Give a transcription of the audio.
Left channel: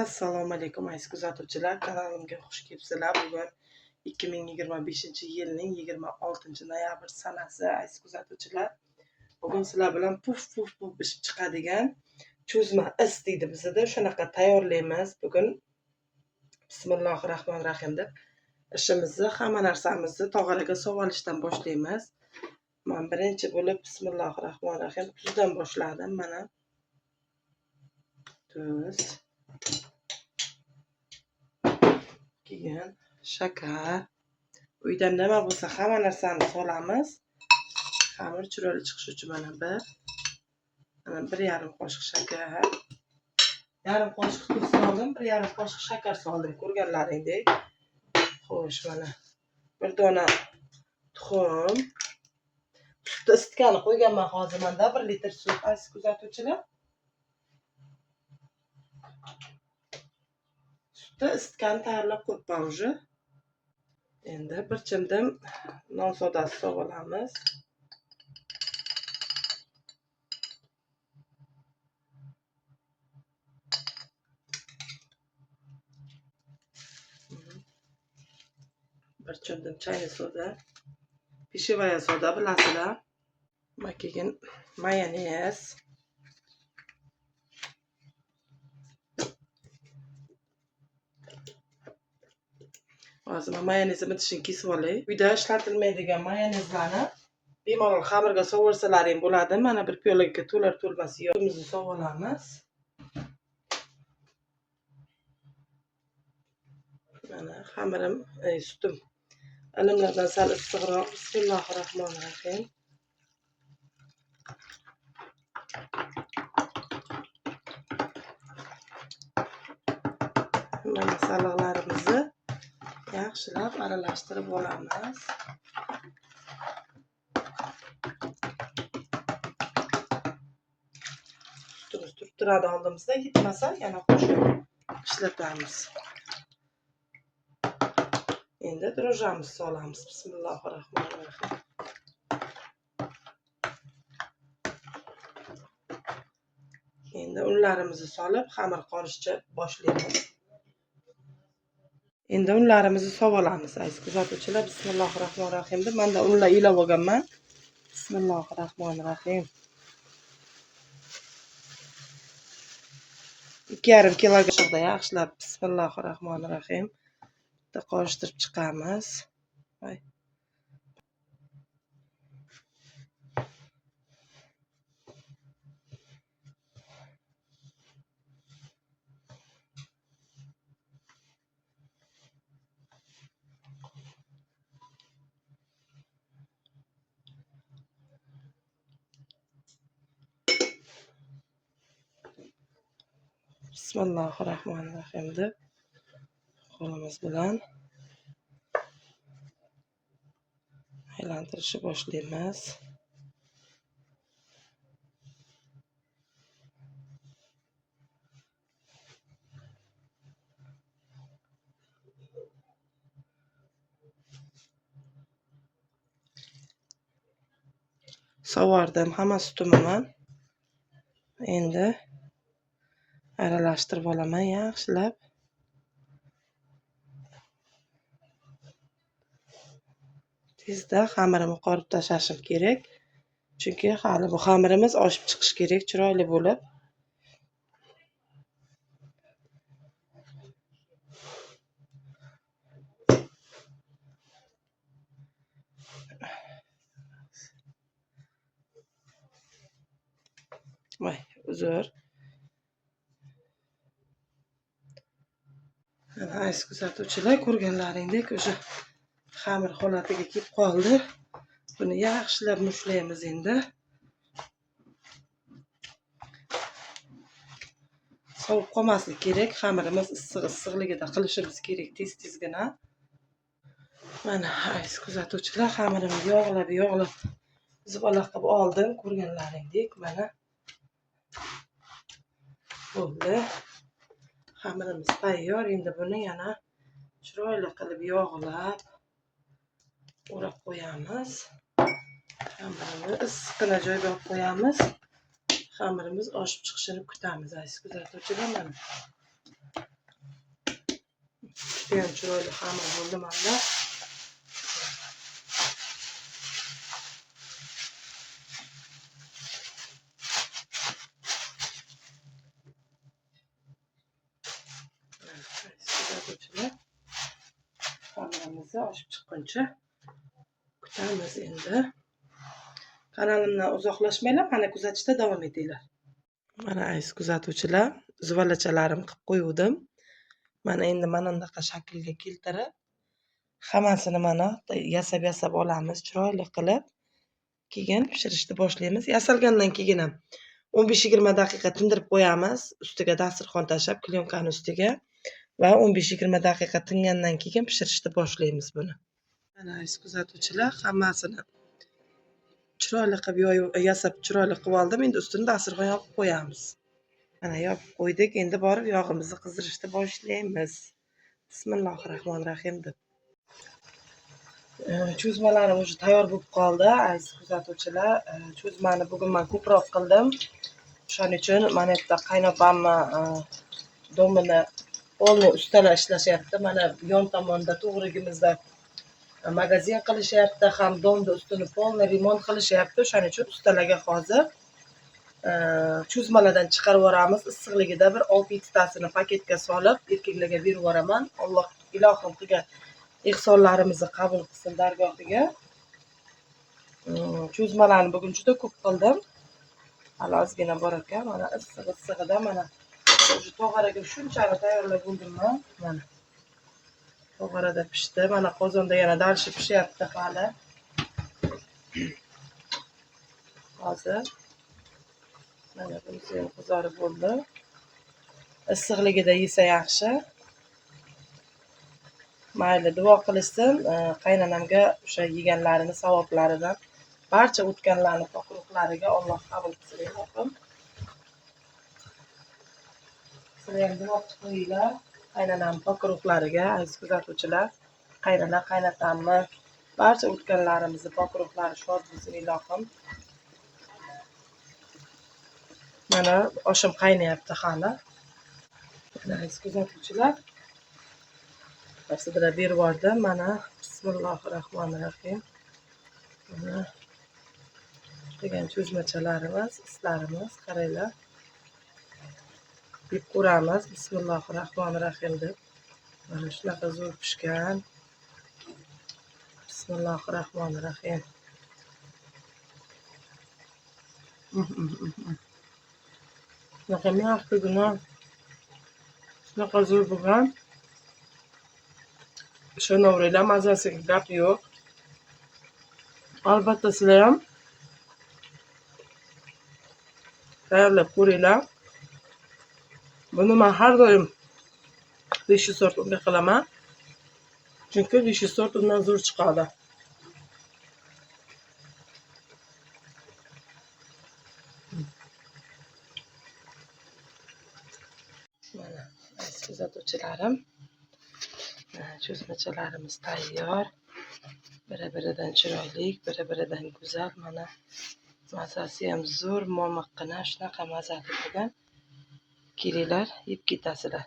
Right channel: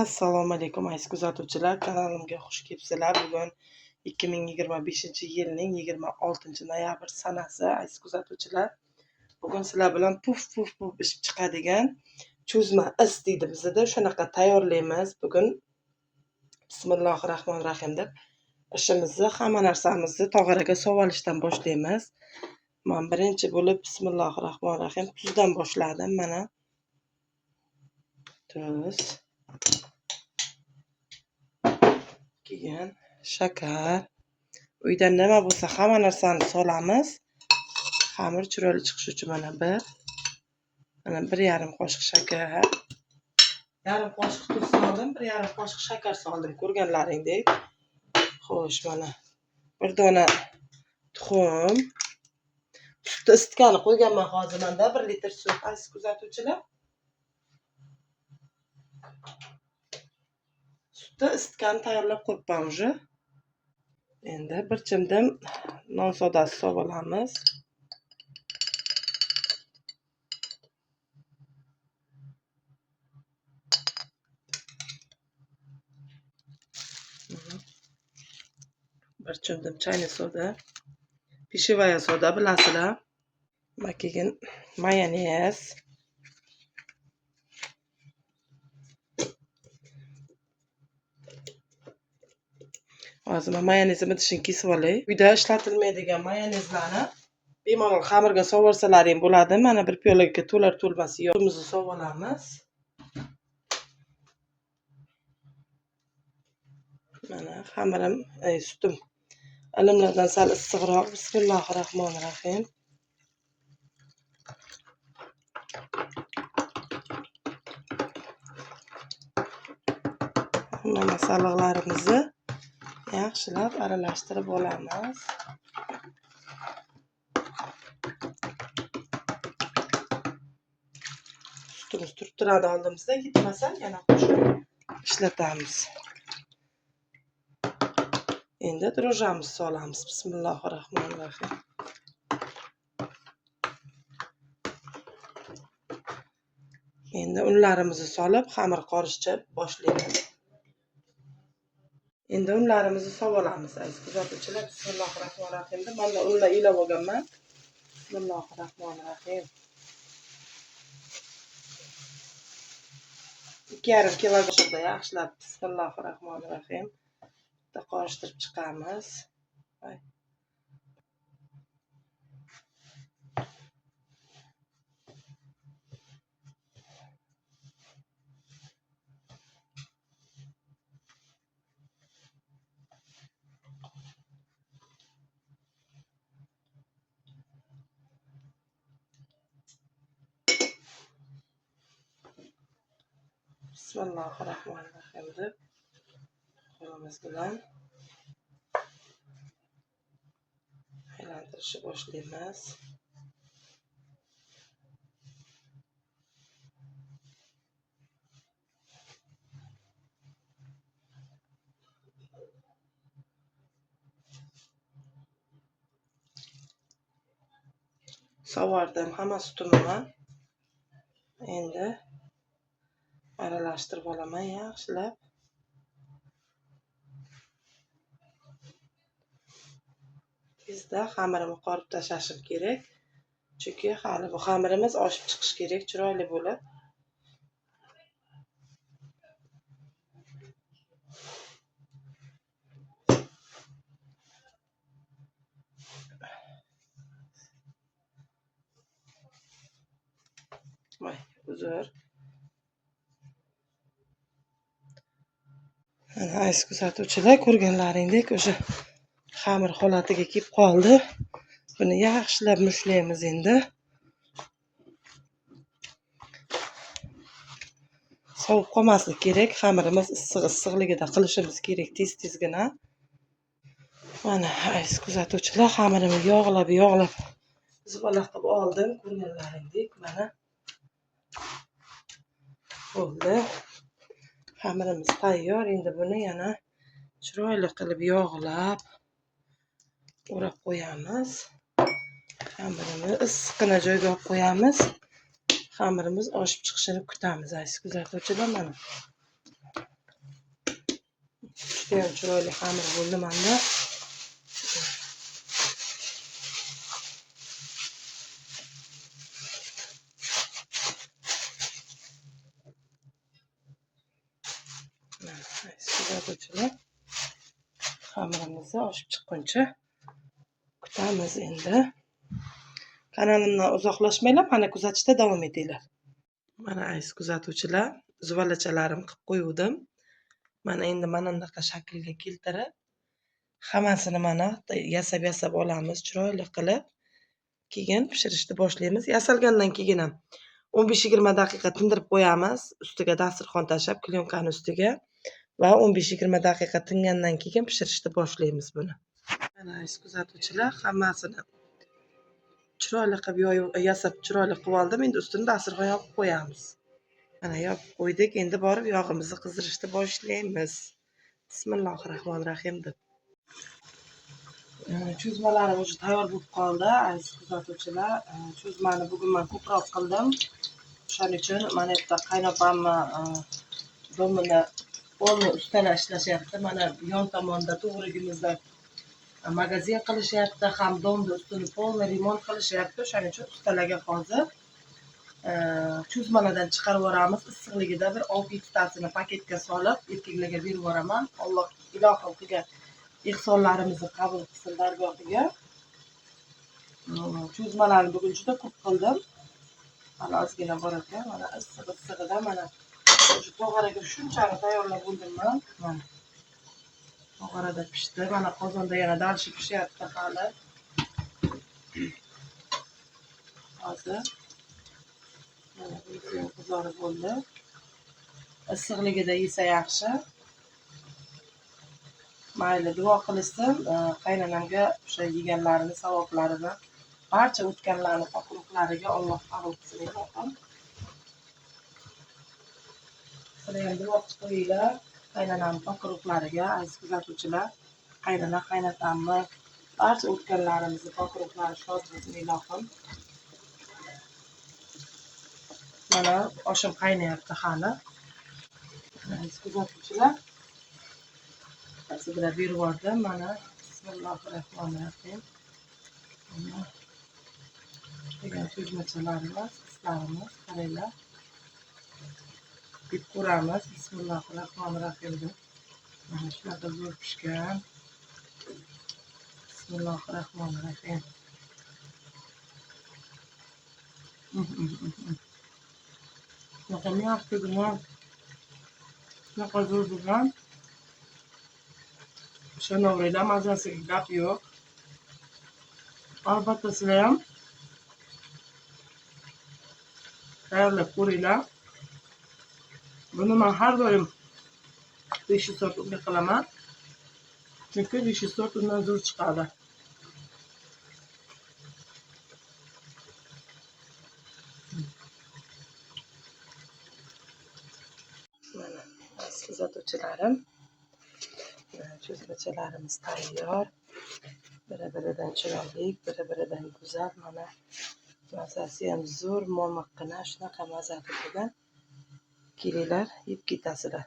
Assalomu alaykum aziz kuzatuvchilar, kanalimga xush kelibsizlar. Bugun 2025-yilning 26-noyabr sanasi aziz kuzatuvchilar. Bugun sizlar bilan puf ishib chiqadigan cho'zma is deydi bizda, shunaqa tayyorlaymiz. Bugun bismillahirrohmanirrohim deb ishimizni, hamma narsamizni tog'oraga solishdan boshlaymiz. Men birinchi bo'lib bismillahirrohmanirrohim tuzdan boshladim. Mana tuz, keyin shakar. Uyda nima bo'lsa hamma narsani solamiz. Xamir chiroyli chiqishi uchun mana 1,5 qoshiq shakar, yarim qoshiq tuz soldim, 1,5 qoshiq shakar soldim, ko'rganlaringdek. Xo'sh, mana bir dona tuxum. Sutni isitgani qo'yganman hozir menda 1 litr sut aziz kuzatuvchilar. Sutni isitgani tayyorlab qo'yibman уже. Endi bir chimdim non sodasi solib olamiz. Bir chimdim chayni soda, pishevaya soda bilasizlar. Keyin mayonez. Hozir men mayonezimni tishini kesib olay. Uyda ishlatilmaydigan mayonezlarni bemalol xamirga sovursalaring bo'ladi. Mana bir piyolaga to'lar to'lmas yog'imizni solib olamiz. Mana xamirim, sutim ilimlardan sal issiqroq. Bismillahirrohmanirrohim. Mana saliqlarimizni yaxshilab aralashtirib olamiz. Sutimiz turib turadi oldimizda, yetmasa yana qo'shib ishlatamiz. Endi dro'jamizni solamiz. Bismillahirrohmanirrohim. Endi unlarimizni solib xamir qorishcha boshlaymiz. Endi unlarimizni solib olamiz aziz kuzatuvchilar. Bismillahirrohmanirrohim deb menda unlar ilov olganman. Bismillahirrohmanirrohim. 2,5 kiloga yaxshilab bismillahirrohmanirrohim qorishtirib chiqamiz. Bismillahirrohmanirrohim deb qo'limiz bilan aylantirishni boshlaymiz. Sovardim hamma sutimni. Endi aralashtirib olaman yaxshilab. Tezda xamirimni qorib tashlashim kerak. Chunki hali bu xamirimiz oshib chiqishi kerak chiroyli bo'lib. Voy, uzr. Mana aziz kuzatuvchilar, ko'rganlaringdek o'sha xamir holatiga kelib qoldi. Buni yaxshilab mushlaymiz endi. Sovib qolmasligi kerak. Xamirimiz issiqligida qilishimiz kerak tez-tezgina. Mana aziz kuzatuvchilar, xamirimni yog'lab zibala qilib oldim. Ko'rganlaringdek mana bo'ldi. Xamirimiz tayyor. Endi buni yana chiroyli qilib yog'lab o'rab qo'yamiz. Xamirimizni issiqqina joyga olib qo'yamiz. Xamirimiz oshib chiqishini kutamiz aziz kuzatuvchilar. Mana judayam chiroyli xamir bo'ldi menda. Kuzatuvchilar, xamirimizni oshib chiqquncha kutamiz endi. Kanalimdan uzoqlashmanglar, mana kuzatishda davom etinglar. Mana aziz kuzatuvchilar, zuvalachalarim qilib qo'ydim. Mana endi mana bunaqa shaklga keltirib, hammasini mana yasab olamiz, chiroyli qilib. Keyin pishirishni boshlaymiz. Yasalgandan keyin ham 15-20 daqiqa tindirib qo'yamiz. Ustiga dasturxon tashlab, klyonkaning ustiga va 15-20 daqiqa tingandan keyin pishirishni boshlaymiz buni. Mana aziz kuzatuvchilar, hammasini chiroyli qilib yasab chiroyli qilib oldim. Endi ustini dasturxon yopib qo'yamiz. Mana yopib qo'ydik. Endi borib yog'imizni qizdirishni boshlaymiz. Bismillahirrohmanirrohim deb. Cho'zmalarim уже tayyor bo'lib qoldi. Aziz kuzatuvchilar, cho'zmani bugun men ko'proq qildim. Shuning uchun mana bu yerda qaynopamni domini polni ustalar ishlashyapti. Mana yon tomonda to'g'rigimizda magazin qilishyapti, ham domni ustini polni remont qilishyapti. Shuning uchun ustalarga hozir cho'zmalardan chiqarib yuboramiz. Issiqligida bir 6-7 tasini paketga solib, erkaklarga berib yuboraman. Alloh ilohim qilgan ehsonlarimizni qabul qilsin dargohiga. Cho'zmalarni bugun juda ko'p qildim. Hali ozgina bor ekan. Mana issig'ida mana shu tog'oraga shunchani tayyorlab bo'ldim-man. Mana tog'orada pishdi. Mana qozonda yana darshi pishyapti hali. Hozir mana bunisi ham qizarib bo'ldi. Issiqligida yesa yaxshi. Mayli, duo qilishsin, qaynonamga o'sha yeganlarini savoblaridan barcha o'tganlarni pokruqlariga Alloh qabul qilsin ilohim. Sizlar ham duo qilinglar qaynonam pokruqlariga, aziz kuzatuvchilar. Qaynona, qaynotamni barcha o'tganlarimizni pokruqlari shod bo'lsin ilohim. Mana oshim qaynayapti hali. Aziz kuzatuvchilar, sizlarga berib yubordim. Mana bismillahirrohmanirrohim. Mana degan cho'zmachalarimiz, islarimiz, qaranglar. Yeb ko'ramiz. Bismillahirrohmanirrohim deb. Mana shunaqa zo'r pishgan. Bismillahirrohmanirrohim. Shunaqa ma'qulgina, shunaqa zo'r bo'lgan. Ishonaveringlar, mazasiga gap yo'q. Albatta sizlar ham tayyorlab ko'ringlar. Buni men har doim beshi sort unga qilaman. Chunki beshi sort undan zo'r chiqadi. Mana aziz kuzatuvchilarim, cho'zmachalarimiz tayyor. Biri-biridan chiroyli, biri-biridan go'zal. Mana mazasi ham zo'r, momiqqina, shunaqa mazali bo'lgan. Kelinglar, yeb ketasizlar.